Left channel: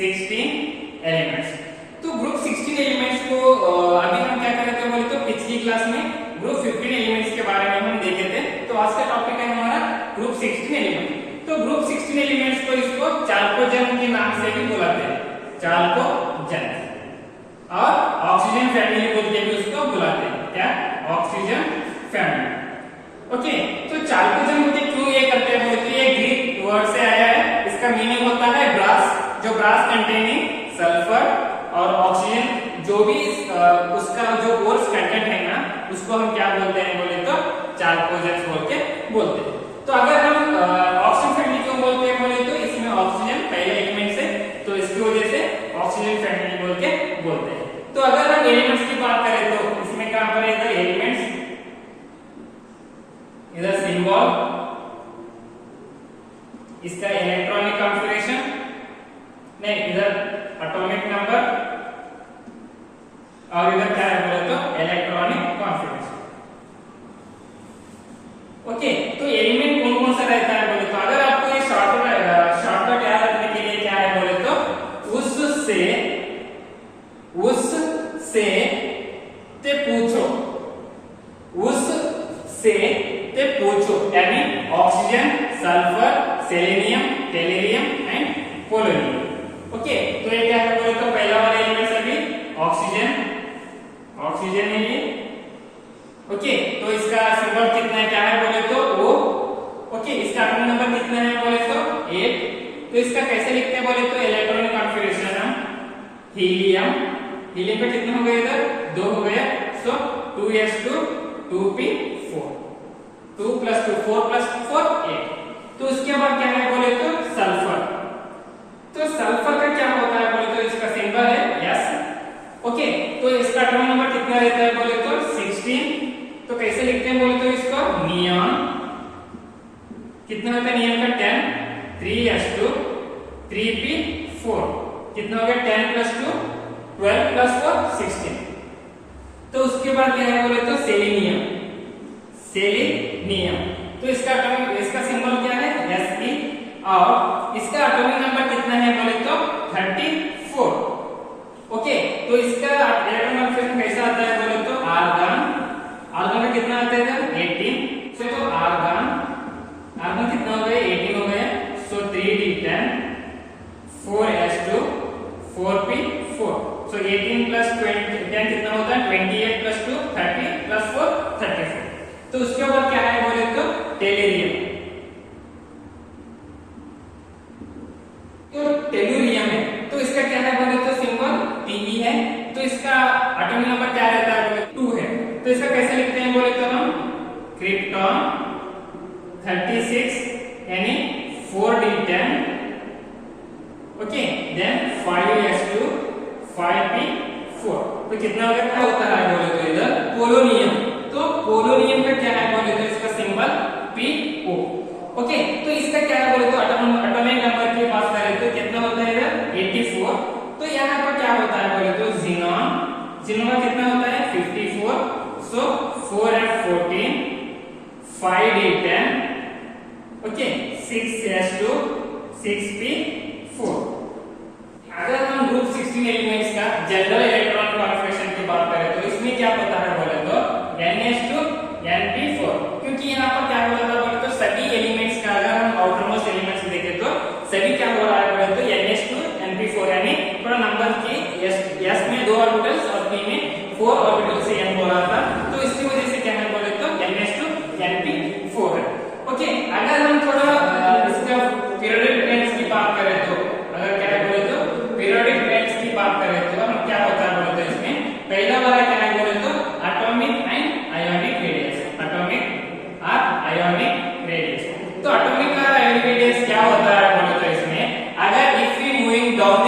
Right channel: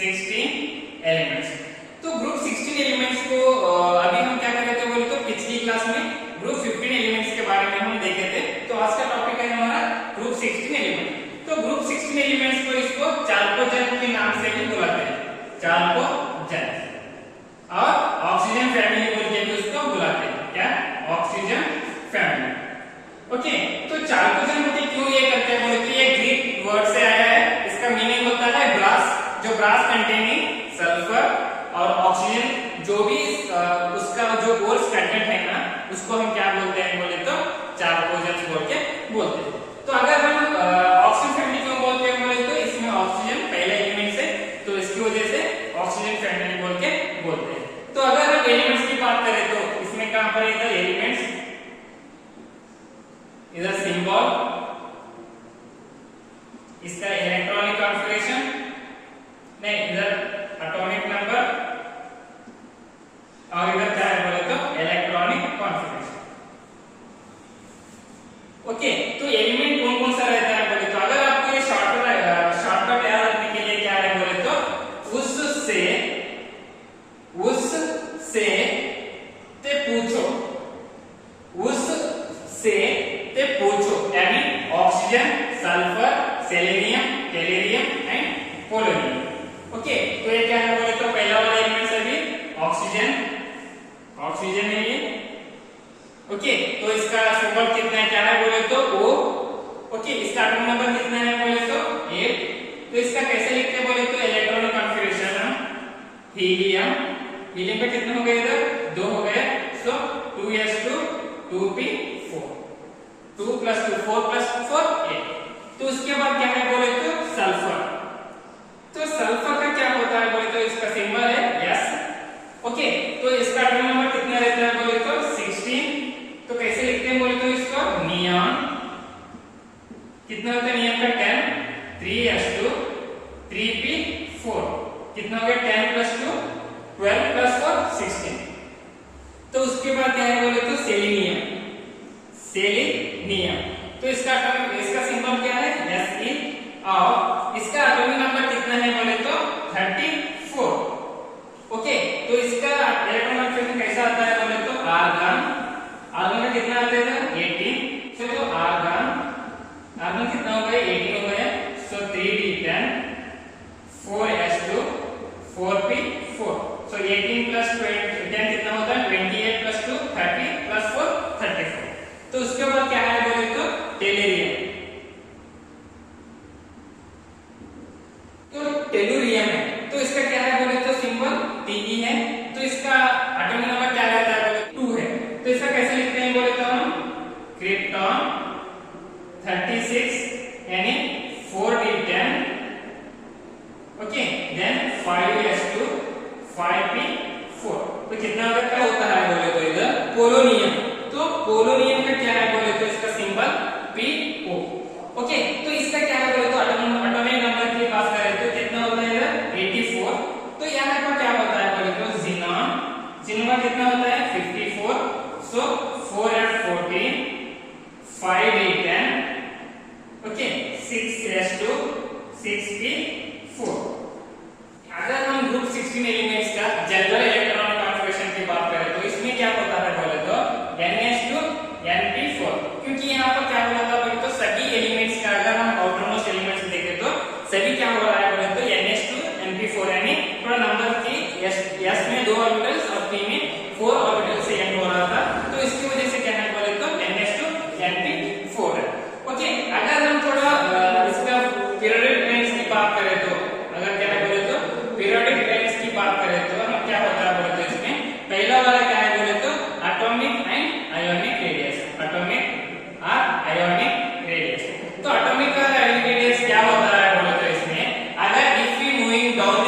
16 elements. तो group 16 elements को अभी हम क्या कर रहे थे बोले तो पिछली क्लास में ग्रुप 15 एलिमेंट्स के बारे में हम देखे थे। तो आज का टॉपिक है हमारा ग्रुप 16 एलिमेंट। तो ग्रुप 16 एलिमेंट्स को इसको चाल्कोजेन के नाम से भी बुलाते हैं, चाल्कोजेन, और ऑक्सीजन फैमिली बोल के भी उसको बुलाते हैं। क्या? Oxygen family. ओके, तो चाल्कोजेन होते क्यों ये करते हैं बोले तो ये ग्रीक वर्ड से आया है। इसका मीनिंग होता है ब्रास, जो ब्रास कंटेनिंग सल्फर और ऑक्सीजन, जो भी उसका जो बोर्स कंटेंट है ना, उसको हम क्या बोलते हैं बोले तो चाल्कोजेन बोल के बोलते हैं। तो अगर हम ऑक्सीजन फैमिली क्यों बोलते हैं बोले तो इसमें ऑक्सीजन पहला एलिमेंट है, तो इसकी वजह से ऑक्सीजन फैमिली बोल के बोलते हैं। तो अगर हम एलिमेंट्स की बात करें तो इसमें कहां पर है एलिमेंट्स, इधर सिंबल, इसका इलेक्ट्रॉनिक कॉन्फ़िगरेशन, नहीं इधर एटॉमिक नंबर, और इधर क्या है बोले तो इलेक्ट्रॉनिक कॉन्फ़िगरेशन। ओके, तो एलिमेंट कौन कौन सा रहता है बोले तो अगर आपको ये शॉर्टकट याद रखने के लिए क्या है बोले तो उससे ते पूछो, उससे ते पूछो, यानी oxygen, sulphur, selenium, tellurium and polonium. Okay, तो ये क्या है बोले तो पहला वाला एलिमेंट है भी ऑक्सीजन है ये। ओके, तो इसका सिंबल कितना है, क्या है बोले तो O। ओके, इसका एटॉमिक नंबर कितना है बोले तो 8। तो इसका कैसे लिखते हैं बोले तो इलेक्ट्रॉनिक कॉन्फ़िगरेशन हम हीलियम पे कितना हो गया इधर 2 हो गया, सो 2s2 2p4, 2 + 2 4 + 4 8। तो उसके बाद क्या है बोले तो सल्फर। तो सल्फर का क्या होता है बोले तो इसका सिंबल है S। ओके, तो इसका एटॉमिक नंबर कितना रहता है बोले तो 16। तो कैसे लिखते हैं बोले तो इसको नियॉन, कितना होता है नियॉन का 10, 3s2 3p4, कितना हो गया 10 + 2 12 + 4 16। तो उसके बाद क्या है बोले तो सेलेनियम, तो इसका सिंबल क्या है Se, और इसका एटॉमिक नंबर कितना है बोले तो 34। ओके, तो इसका इलेक्ट्रॉनिक कॉन्फ़िगरेशन कैसा आता है बोले तो आर्गन का कितना आता है 18। तो आर्गन कितना हो गया 18 हो गया, सो 3d10 4s2 4p4, सो 18 + 10 कितना होता है 28 + 2 30 + 4 34। तो उसके बाद क्या है बोले तो टेलुरियम। तो टेलुरियम है, तो इसका क्या है बोले तो सिंबल Te है। तो इसका एटॉमिक नंबर क्या रहता है बोले 2 है। तो इसका कैसे लिखते हैं बोले तो हम क्रिप्टॉन 36 यानी 4d10, okay, then 5s2 5p4। तो कितना होगा, क्या होता है बोले तो इधर पोलोनियम। तो पोलोनियम का क्या है बोले तो इसका सिंबल PO। ओके, तो इसका क्या है बोले तो एटॉमिक नंबर की बात करें तो कितना होता है इधर 84। तो यहाँ पर क्या होता है बोले तो जिनॉन का कितना होता है 54, सो 4f14 5d10, okay, 6s2 6p4। अगर हम ग्रुप 16 एलिमेंट्स का जनरल इलेक्ट्रॉनिक कॉन्फ़िगरेशन की बात करें तो इसमें क्या होता है बोले तो ns2 np4, क्योंकि यहाँ पर क्या होता है बोले तो सभी एलिमेंट्स का अगर हम आउटरमोस्ट एलिमेंट्स देखें तो सभी क्या हो रहा है बोले तो ns2 np4, यानी थोड़ा नंबर की s में 2 ऑर्बिटल्स और p में 4 ऑर्बिटल से n हो रहा था। तो इसकी वजह से क्या है बोले तो ns2 np4 है। ओके, अगर हम थोड़ा इसका पीरियोडिक टेबल्स की बात करें तो अगर क्या है बोले तो पीरियोडिक टेबल्स की बात करें तो हम क्या होता है बोले तो इसमें पहला वाला क्या है बोले तो atomic and ionic radius, atomic और आयोनिक रेडियस। तो एटॉमिक और आयोनिक रेडियस क्या होता है बोले तो इसमें अगर if we moving down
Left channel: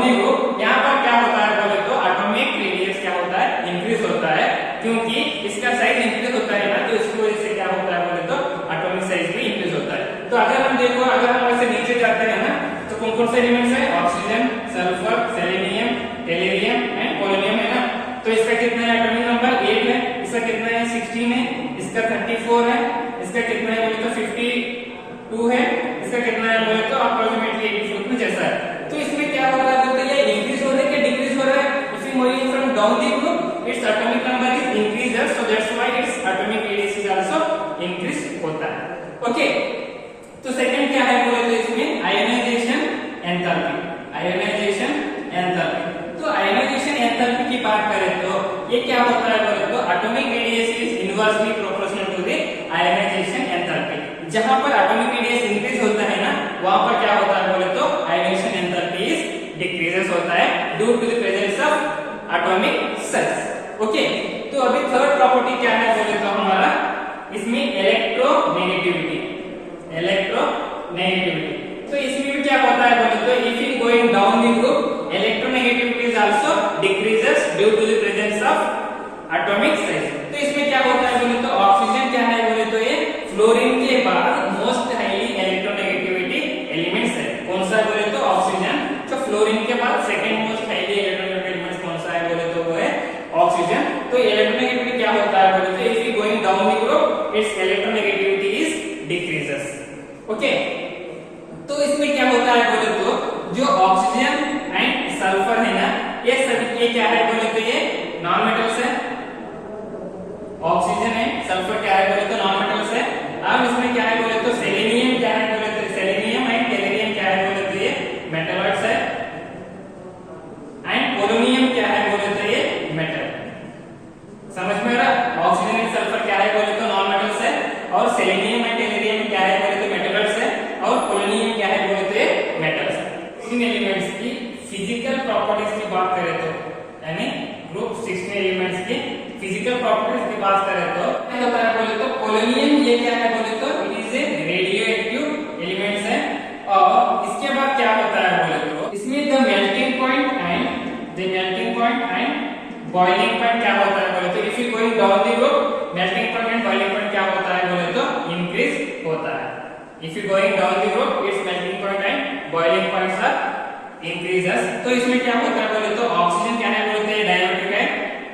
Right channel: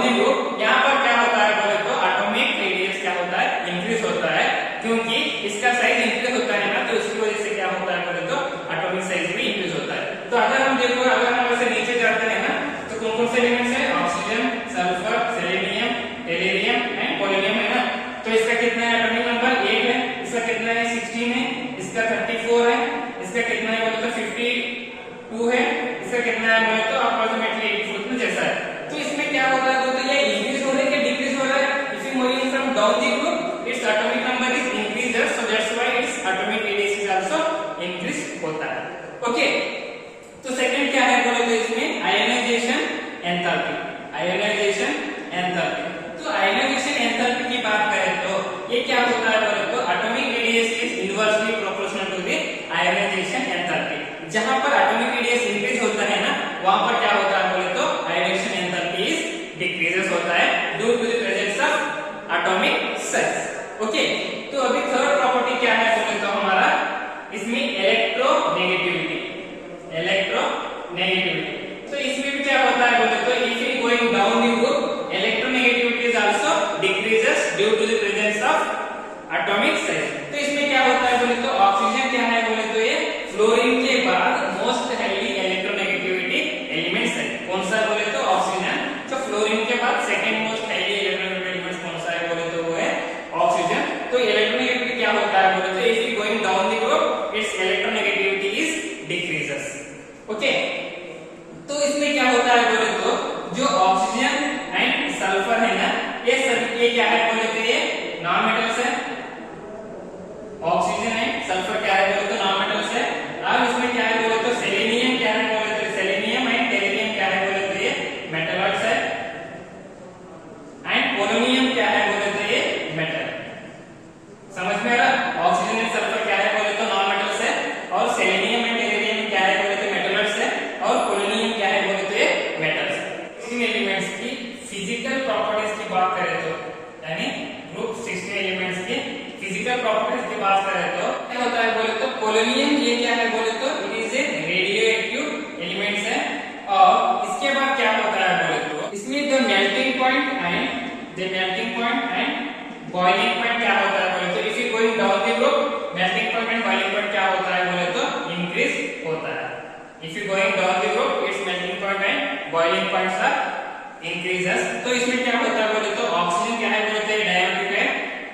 the group, यहाँ पर क्या होता है बोले तो एटॉमिक रेडियस क्या होता है इंक्रीज होता है, क्योंकि इसका साइज इंक्रीज होता है ना, तो इसकी वजह से क्या होता है बोले तो एटॉमिक साइज भी इंक्रीज होता है। तो अगर हम देखो, अगर हम ऐसे नीचे जाते हैं ना तो कौन कौन से एलिमेंट्स है oxygen, sulphur, selenium, tellurium and polonium है ना। तो इसका कितना है एटॉमिक नंबर 8 है, इसका कितना है 16 है, इसका 34 है, इसका कितना है बोले तो 52 है, इसका कितना है बोले तो अप्रोक्सीमेटली 84 में इंक्रीज होता है। ओके, तो सेकंड क्या है बोले तो इसमें आयनाइजेशन एंथैल्पी। आयनाइजेशन एंथैल्पी, तो आयनाइजेशन एंथैल्पी की बात करें तो ये क्या होता है बोले तो atomic radius is inversely proportional to the ionization enthalpy. जहां पर एटॉमिक रेडियस इंक्रीज होता है ना, वहां पर क्या होता है बोले तो आयनाइजेशन एंथैल्पी इज डिक्रीजेस होता है due to the presence of atomic size. Okay, तो अभी थर्ड प्रॉपर्टी क्या है बोले तो हमारा इसमें इलेक्ट्रोनेगेटिविटी। इलेक्ट्रोनेगेटिविटी, तो इसमें भी क्या होता है बोले तो if it going down the group electronegativity is also decreases due to the presence of atomic size. तो इसमें क्या होता है बोले तो ऑक्सीजन क्या है बोले तो ये फ्लोरीन के बाद मोस्ट हाईली इलेक्ट्रोनेगेटिविटी एलिमेंट्स है। कौन सा बोले तो ऑक्सीजन। तो फ्लोरीन के बाद second most highly electronegative elements कौन सा है बोले तो वो है ऑक्सीजन। तो इलेक्ट्रोनेगेटिविटी क्या होता है बोले तो if it going down the group it's electronegativity is decreases. Okay, तो इसमें क्या होता है बोले तो जो ऑक्सीजन एंड सल्फर है ना, ये सभी ये क्या है बोले तो ये नॉन मेटल्स है। ऑक्सीजन है, सल्फर क्या है बोले तो नॉन मेटल्स है। अब इसमें क्या है बोले तो सेलेनियम क्या है बोले तो सेलेनियम एंड टेलुरियम क्या है बोले तो ये मेटलॉइड्स है एंड पोलोनियम क्या है बोले तो ये मेटल। समझ में आ रहा? ऑक्सीजन एंड सल्फर क्या है बोले तो नॉन मेटल्स है और सेलेनियम एंड टेलुरियम क्या है बोले तो मेटलॉइड्स है और पोलोनियम क्या है बोले तो ये मेटल्स है। इन एलिमेंट्स की फिजिकल प्रॉपर्टीज की बात करें तो यानी ग्रुप 16 एलिमेंट्स की फिजिकल प्रॉपर्टीज की बात करें तो क्या होता है बोले तो पोलोनियम ये क्या है बोले तो it is a radio active elements है। और इसके बाद क्या होता है बोले तो इसमें the melting point and boiling point क्या होता है बोले तो if you going down the group melting point and boiling point क्या होता है बोले तो इंक्रीज होता है। If you going down the group its melting point and boiling points are increases. तो इसमें क्या होता है बोले तो ऑक्सीजन क्या है बोले तो ये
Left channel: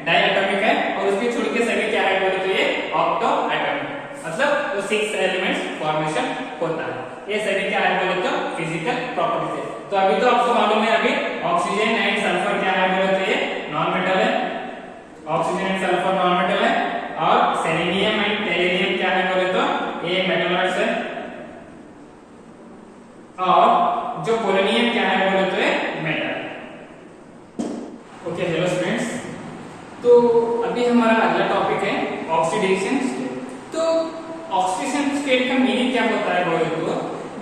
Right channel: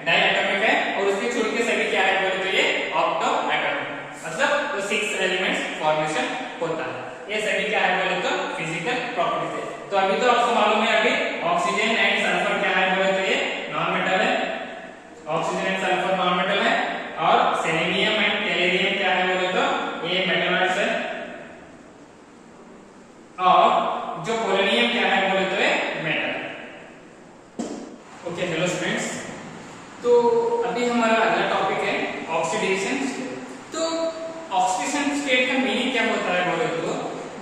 डायएटॉमिक है और उसके छोड़ के सभी क्या है बोले तो ये ऑक्टो एटॉमिक, मतलब तो 6 एलिमेंट्स फॉर्मेशन होता है। ये सभी क्या है बोले तो फिजिकल प्रॉपर्टीज है। तो अभी तो आपको मालूम है अभी ऑक्सीजन एंड सल्फर क्या है बोले तो ये नॉन मेटल है। Oxygen and sulphur non metal है और सेलेनियम एंड टेलुरियम क्या है बोले तो ये मेटलॉइड्स है और जो पोलोनियम क्या है बोले तो ये मेटल। ओके, हेलो स्टूडेंट्स, तो अभी हमारा अगला टॉपिक है ऑक्सीडेशन स्टेट। तो ऑक्सीडेशन स्टेट का मीनिंग क्या होता है बोले तो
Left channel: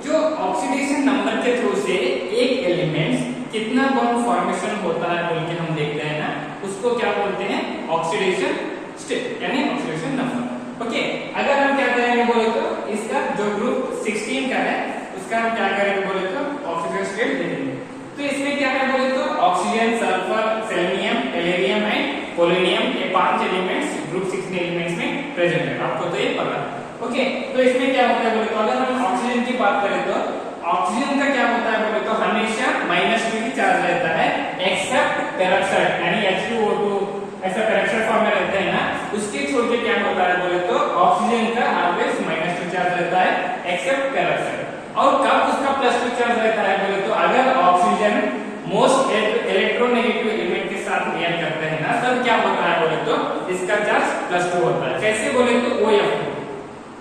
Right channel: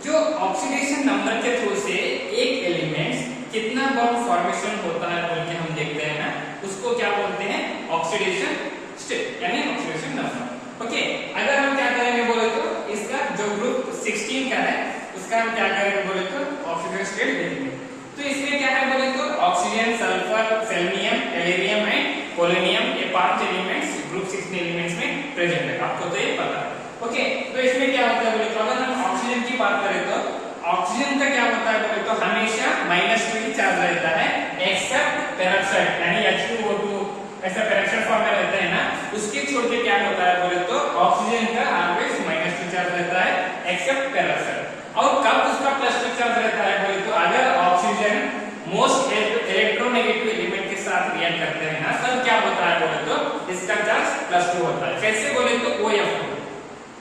जो ऑक्सीडेशन नंबर के थ्रू से एक एलिमेंट्स कितना बॉन्ड फॉर्मेशन होता है बोल के हम देखते हैं ना, उसको क्या बोलते हैं ऑक्सीडेशन स्टेट यानी ऑक्सीडेशन नंबर। ओके, अगर हम क्या करेंगे बोले तो इसका जो ग्रुप 16 का है उसका हम क्या करेंगे बोले तो ऑक्सीडेशन स्टेट देखेंगे। तो इसमें क्या है बोले तो oxygen, sulphur, selenium, tellurium and polonium ये 5 एलिमेंट्स ग्रुप 16 एलिमेंट्स में प्रेजेंट है, आपको तो ये पता है। ओके, तो इसमें क्या होता है बोले तो अगर हम ऑक्सीजन की बात करें तो ऑक्सीजन का क्या होता है बोले तो हमेशा -2 की चार्ज रहता है एक्सेप्ट पेरोक्साइड यानी H2O2 ऐसा पेरोक्साइड फॉर्म में रहता है ना, उसके छोड़ के क्या होता है बोले तो ऑक्सीजन का ऑलवेज -2 चार्ज रहता है एक्सेप्ट पेरोक्साइड। और कब उसका +2 चार्ज रहता है बोले तो अगर ऑक्सीजन मोस्ट इलेक्ट्रोनेगेटिव एलिमेंट के साथ रिएक्ट करते हैं ना, तब क्या होता है बोले तो इसका चार्ज +2 होता है। कैसे बोले तो OF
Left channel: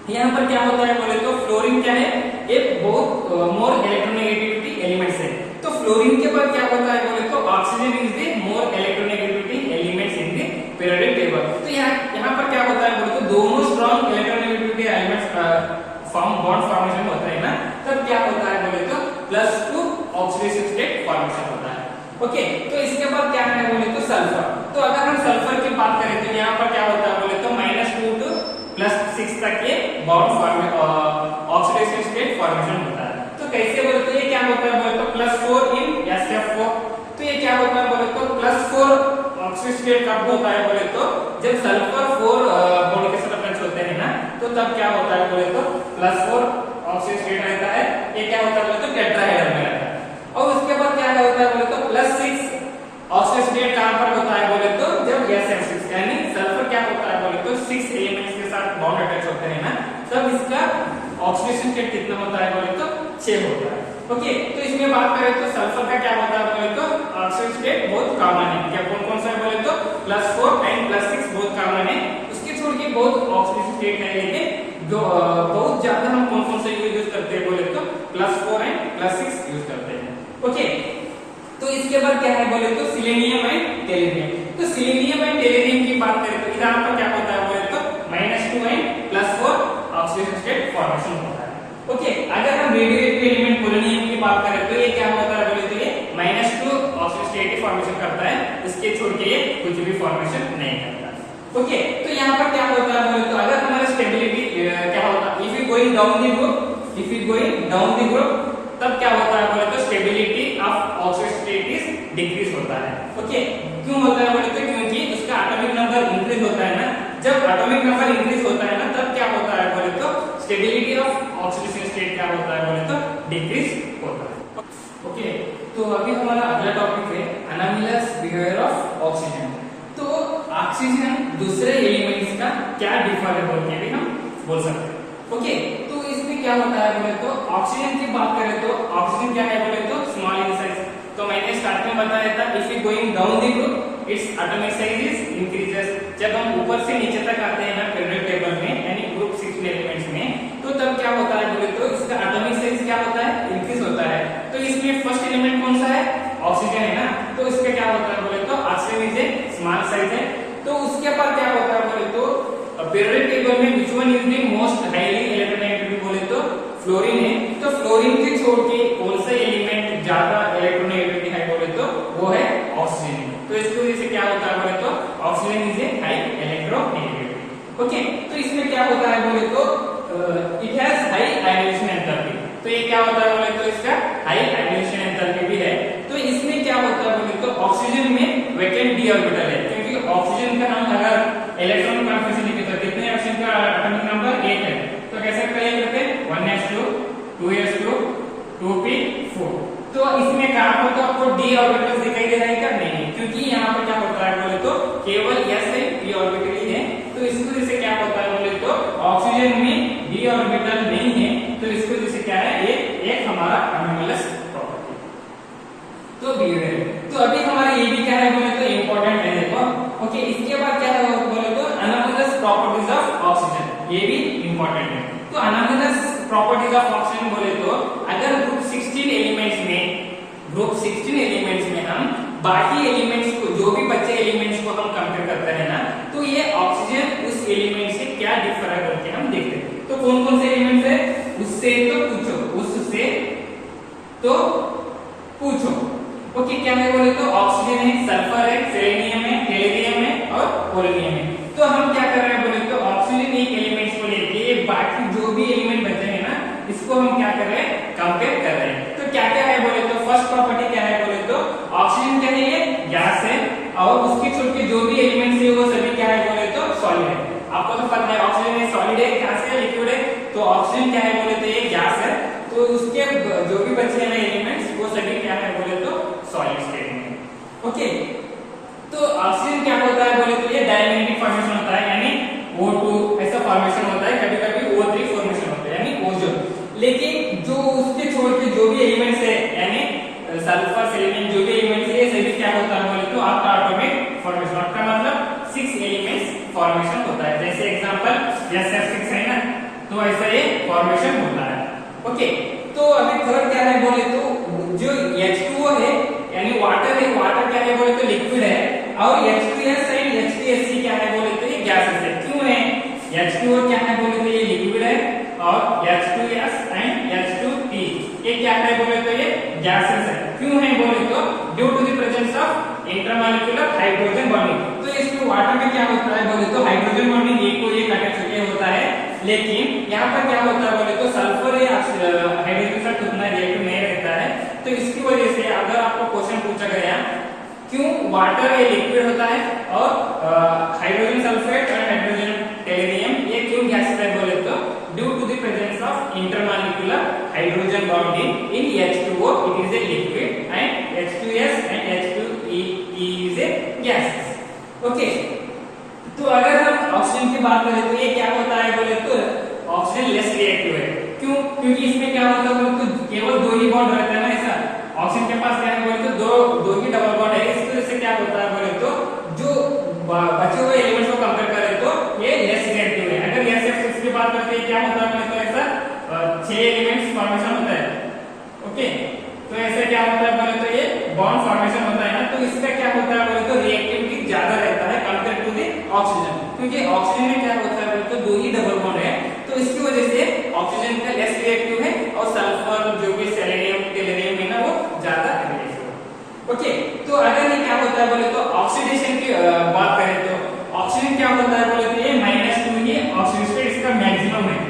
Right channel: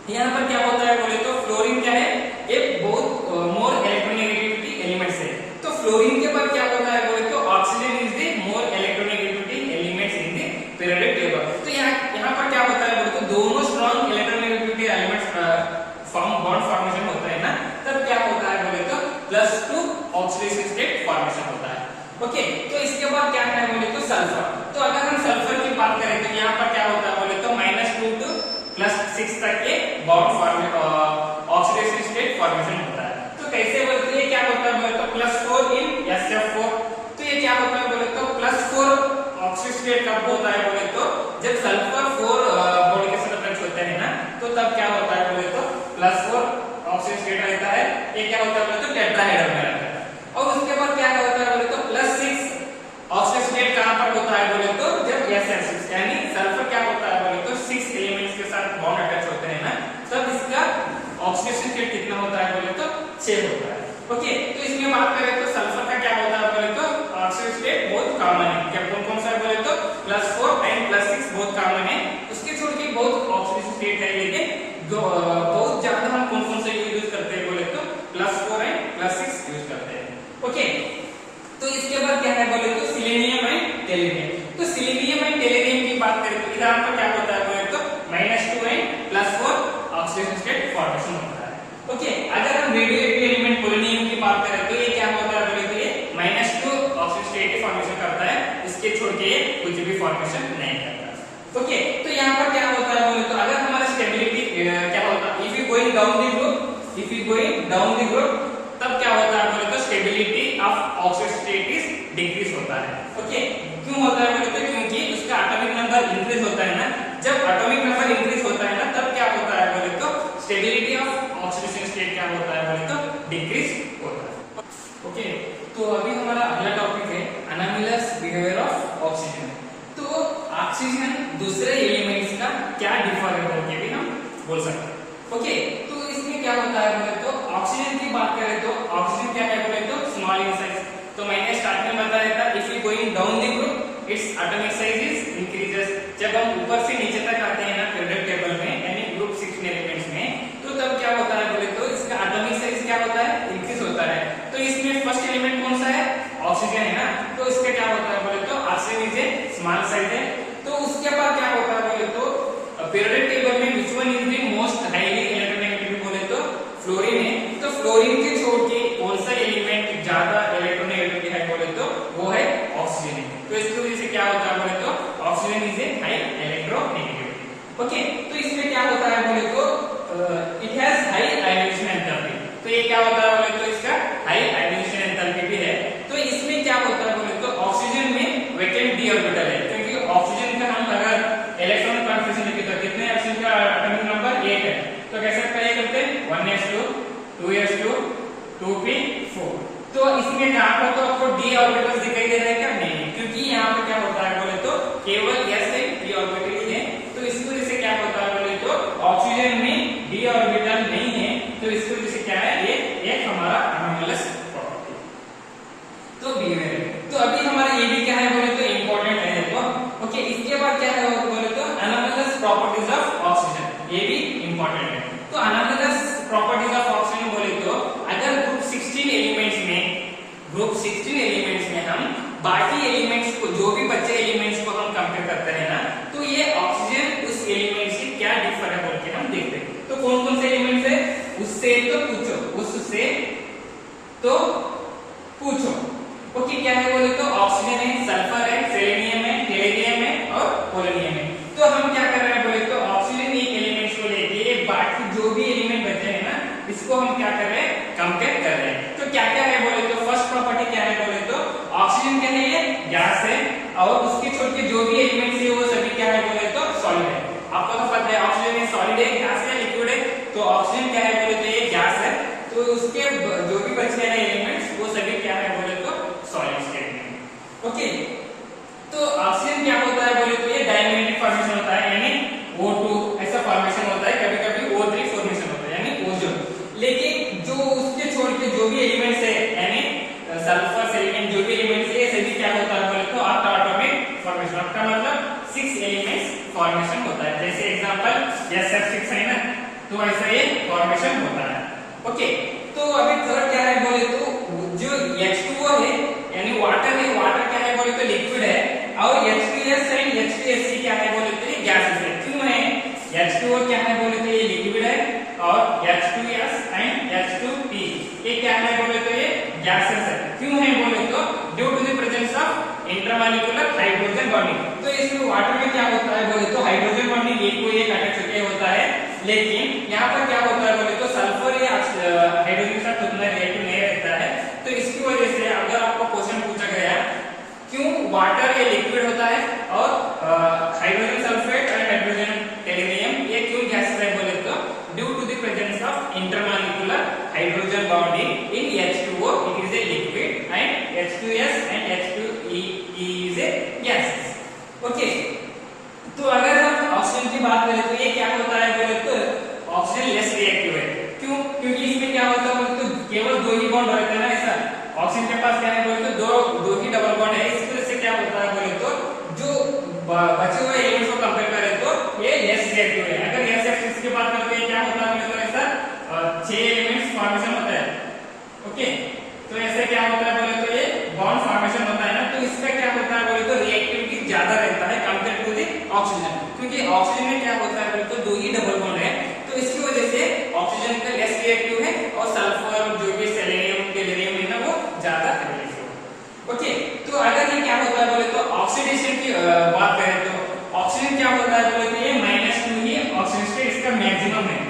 यहाँ पर क्या होता है बोले तो फ्लोरीन क्या है एक बहुत मोर इलेक्ट्रोनेगेटिविटी एलिमेंट्स है। तो फ्लोरीन के बाद क्या होता है बोले तो oxygen is the more electronegativity elements in the periodic table. तो यहाँ पर क्या होता है बोले तो दोनों strong electronegativity elements bond formation होता है ना, तब क्या होता है बोले तो +2 ऑक्सीडेशन स्टेट फॉर्मेशन होता है। ओके, तो इसके बाद क्या है बोले तो सल्फर। तो अगर हम सल्फर की बात करें तो यहाँ पर क्या होता है बोले तो -2 to +6 तक ये बॉन्ड ऑक्सीडेशन स्टेट फॉर्मेशन होता है। तो कैसे बोले तो ये क्या होता है बोले तो +4 इन SF4। तो ये क्या होता है बोले तो +4 ऑक्सीडेशन स्टेट कब होता है बोले तो जब सल्फर 4 बॉडी के साथ अटैच होते हैं ना, तो तब क्या होता है बोले तो +4 ऑक्सीडेशन स्टेट रहता है। ये क्या होता है बोले तो टेट्राहेड्रल में रहता है। और उसके बाद क्या होता है बोले तो +6 ऑक्सीडेशन स्टेट कहां पर होता है बोले तो जब SF6 यानी सल्फर क्या होता है बोले तो 6 एलिमेंट्स के साथ बॉन्ड अटैच होते हैं ना, तब इसका ऑक्सीडेशन स्टेट कितना होता है बोले तो 6 होता है। ओके, तो इसमें बात करें तो सल्फर का क्या होता है बोले तो ऑक्सीडेशन स्टेट बहुत कॉमन है। क्या कौन सा है बोले तो +4 एंड +6 बहुत कॉमन है। उसके छोड़ के बहुत ऑक्सीडेशन स्टेट है लेकिन बहुत ज्यादा हम कौन कौन से यूज करते हैं बोले तो +4 एंड +6 यूज करते हैं। ओके, तो इसके बाद क्या है बोले तो सिलेनियम एंड टेलुरियम। तो सिलेनियम एंड टेलुरियम की बात करें तो इधर पर क्या होता है बोले तो -2 एंड +4 ऑक्सीजन स्टेट फॉर्मेशन होता है। ओके, अगर हम रेडियोएक्टिव एलिमेंट पोलोनियम की बात करें तो ये क्या होता है बोले तो ये -2 ऑक्सीजन स्टेट फॉर्मेशन करता है, इसके छोड़ के ये कुछ भी फॉर्मेशन नहीं करता। ओके, तो यहाँ पर क्या होता है बोले तो अगर हमारा स्टेबिलिटी क्या होता है, if you going down the group तब क्या होता है बोले तो stability of oxygen state is decrease होता है। ओके, क्यों होता है बोले तो क्योंकि उसका एटॉमिक नंबर इंक्रीज होता है ना, जब एटॉमिक नंबर इंक्रीज होता है ना तब क्या होता है बोले तो स्टेबिलिटी ऑफ ऑक्सीजन स्टेट क्या होता है बोले तो डिक्रीज होता है। ओके, तो अभी हमारा अगला टॉपिक है अनोमलस बिहेवियर ऑफ ऑक्सीजन। तो ऑक्सीजन दूसरे एलिमेंट्स का क्या डिफर है बोल के भी हम बोल सकते हैं। ओके, तो इसमें क्या होता है बोले तो ऑक्सीजन की बात करें तो ऑक्सीजन क्या है बोले तो स्मॉल इन साइज। तो मैंने स्टार्ट में बताया था if you going down the group its atomic size is increases. जब हम ऊपर से नीचे तक आते हैं ना पीरियोडिक टेबल में यानी ग्रुप 16 एलिमेंट्स में, तो तब क्या होता है बोले तो इसका एटॉमिक साइज क्या होता है, इंक्रीज होता है। तो इसमें फर्स्ट एलिमेंट कौन सा है, ऑक्सीजन है ना, तो इसका क्या होता है बोले तो oxygen is a small size है। तो उसके बाद क्या होता है बोले तो पीरियोडिक टेबल में which one is the most highly electronegative बोले तो फ्लोरीन है। तो फ्लोरीन के छोड़ के कौन सा एलिमेंट ज्यादा इलेक्ट्रोनेगेटिविटी है बोले तो वो है ऑक्सीजन है। तो इसकी वजह से क्या होता है बोले तो oxygen is a high electronegativity. Okay, तो इसमें क्या होता है बोले तो it has high ionisation enthalpy. तो ये क्या होता है बोले तो इसका हाई आयोनाइजेशन एंथैल्पी भी है। तो इसमें क्या होता है बोले तो ऑक्सीजन में वैकेंट डी ऑर्बिटल है, क्योंकि ऑक्सीजन का हम अगर इलेक्ट्रॉन कॉन्फिगरेशन लिखे तो कितने ऑक्सीजन का एटॉमिक नंबर 8 है। तो कैसे करते हैं 1s2 2s2 2p4। तो इसमें कहां पर तो आपको डी ऑर्बिटल दिखाई दे रहा है क्या, नहीं, क्योंकि यहाँ पर क्या होता है बोले तो केवल s है, p ऑर्बिटल ही है। तो इस वजह से क्या होता है बोले तो ऑक्सीजन में डी ऑर्बिटल नहीं है, तो इसकी वजह से क्या है ये एक हमारा अनोमलस प्रॉपर्टी तो बी है। तो अभी हमारा ये भी क्या है बोले तो इंपॉर्टेंट है देखो। ओके, इसके बाद क्या है बोले तो अनोमलस प्रॉपर्टीज ऑफ ऑक्सीजन, ये भी इंपॉर्टेंट है। तो अनोमलस प्रॉपर्टीज ऑफ ऑक्सीजन बोले तो अगर ग्रुप 16 एलिमेंट्स में हम बाकी एलिमेंट्स को, जो भी बच्चे एलिमेंट्स को हम कंपेयर करते हैं ना, तो ये ऑक्सीजन उस एलिमेंट से क्या डिफर है बोल के हम देखते हैं। तो कौन कौन से एलिमेंट्स है, उससे तो पूछो, उससे तो पूछो। ओके, क्या है बोले तो ऑक्सीजन है, सल्फर है, सेलेनियम है, टेलुरियम है और पोलोनियम है। तो हम क्या कर रहे हैं बोले तो ऑक्सीजन एक एलिमेंट्स को लेके बाकी जो भी एलिमेंट बचे हैं ना, इसको हम क्या कर रहे हैं, कंपेयर कर रहे हैं। तो क्या क्या है बोले तो फर्स्ट प्रॉपर्टी क्या है बोले तो ऑक्सीजन क्या है, ये गैस है, और उसके छोड़ के जो भी एलिमेंट्स है वो सभी क्या है बोले तो सॉलिड है। आपको तो पता है ऑक्सीजन है सॉलिड है, गैस है, लिक्विड है। तो ऑक्सीजन क्या है बोले तो ये गैस है, तो उसके जो भी बचे हैं ना एलिमेंट्स वो सभी क्या है बोले तो सॉलिड स्टेट में। ओके, तो ऑक्सीजन क्या होता है बोले तो ये डायमैग्नेटिक फॉर्मेशन होता है, यानी O2 ऐसा फॉर्मेशन होता है, कभी कभी O3 फॉर्मेशन होता है यानी ओजोन। लेकिन जो उसके छोड़ के जो भी एलिमेंट्स है यानी सल्फर, सेलेनियम, जो भी एलिमेंट्स है ये सभी क्या होता है बोले तो ऑक्टा एटॉमिक फॉर्मेशन। ऑक्टा मतलब 6 एलिमेंट्स फॉर्मेशन होता है, जैसे एग्जांपल SF6 है ना, तो ऐसा ये फॉर्मेशन होता है। ओके, तो अभी थर्ड क्या है बोले तो जो H2O है यानी वाटर है, वाटर क्या है बोले तो लिक्विड है, और H2S एंड H2SC क्या है बोले तो ये गैसेस है। क्यों है, H2O क्या है बोले तो ये लिक्विड है, और H2S एंड H2P ये क्या है बोले तो ये गैसेस है। क्यों है बोले तो due to the presence of intermolecular hydrogen bonding. तो इसमें वाटर में क्या होता है बोले तो हाइड्रोजन बॉन्डिंग एक को एक अटैच होके होता है, लेकिन यहाँ पर क्या होता है बोले तो सल्फर या हाइड्रोजन के साथ उतना रिएक्टिव नहीं रहता है। तो इसकी वजह से अगर आपको क्वेश्चन पूछा गया क्यों वाटर ये लिक्विड होता है और हाइड्रोजन सल्फेट और हाइड्रोजन टेलुरियम ये क्यों गैसेस है बोले तो due to the presence of intermolecular hydrogen bonding in H2O it is a liquid and H2S and H2E is a gas। Okay, तो अगर हम ऑक्सीजन की बात करें तो ये क्या होता है बोले तो ऑक्सीजन लेस रिएक्टिव है। क्यों, क्योंकि इसमें क्या होता है बोले तो केवल 2 ही बॉन्ड रहता है ना, ऐसा ऑक्सीजन के पास क्या है बोले तो दो ही डबल बॉन्ड है। इस वजह से क्या होता है बोले तो जो बचे हुए एलिमेंट्स को कंपेयर करें तो ये लेस रिएक्टिव है। अगर SF6 की बात करते हैं, क्या होता है तो ऐसा 6 एलिमेंट्स फॉर्मेशन होता है। ओके, तो ऐसे क्या होता है बोले तो ये बॉन्ड फॉर्मेशन होता है ना, तो इसका क्या होता है बोले तो रिएक्टिविटी ज्यादा रहता है कंपेयर टू द ऑक्सीजन, क्योंकि ऑक्सीजन में क्या होता है बोले तो 2 ही डबल बॉन्ड है, तो इसकी वजह से ऑक्सीजन का लेस रिएक्टिव है और सल्फर जो भी सेलेनियम गैलियम है ना वो ज्यादा रिएक्टिव है। ओके, तो अगर ये क्या होता है बोले तो ऑक्सीडेशन की बात करें तो ऑक्सीजन क्या होता है बोले तो ये -2 ही ऑक्सीजन स्टेट इसका मैक्सिमम है।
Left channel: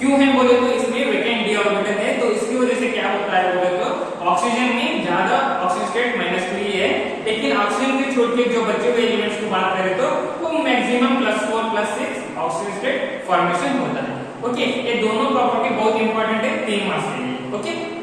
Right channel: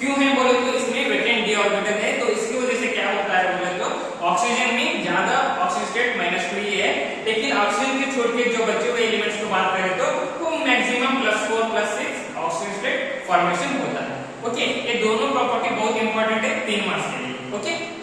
क्यों है बोले तो इसमें वेटेन डी ऑर्बिटल है, तो इसकी वजह से क्या होता है बोले तो ऑक्सीजन में ज्यादा ऑक्सीजन स्टेट -2 ही है, लेकिन ऑक्सीजन के छोड़ के जो बचे हुए एलिमेंट्स की बात करें तो वो मैक्सिमम +4 +6 ऑक्सीजन स्टेट फॉर्मेशन होता है। ओके, ये दोनों प्रॉपर्टी बहुत इंपॉर्टेंट है 3 मार्क्स के लिए। ओके।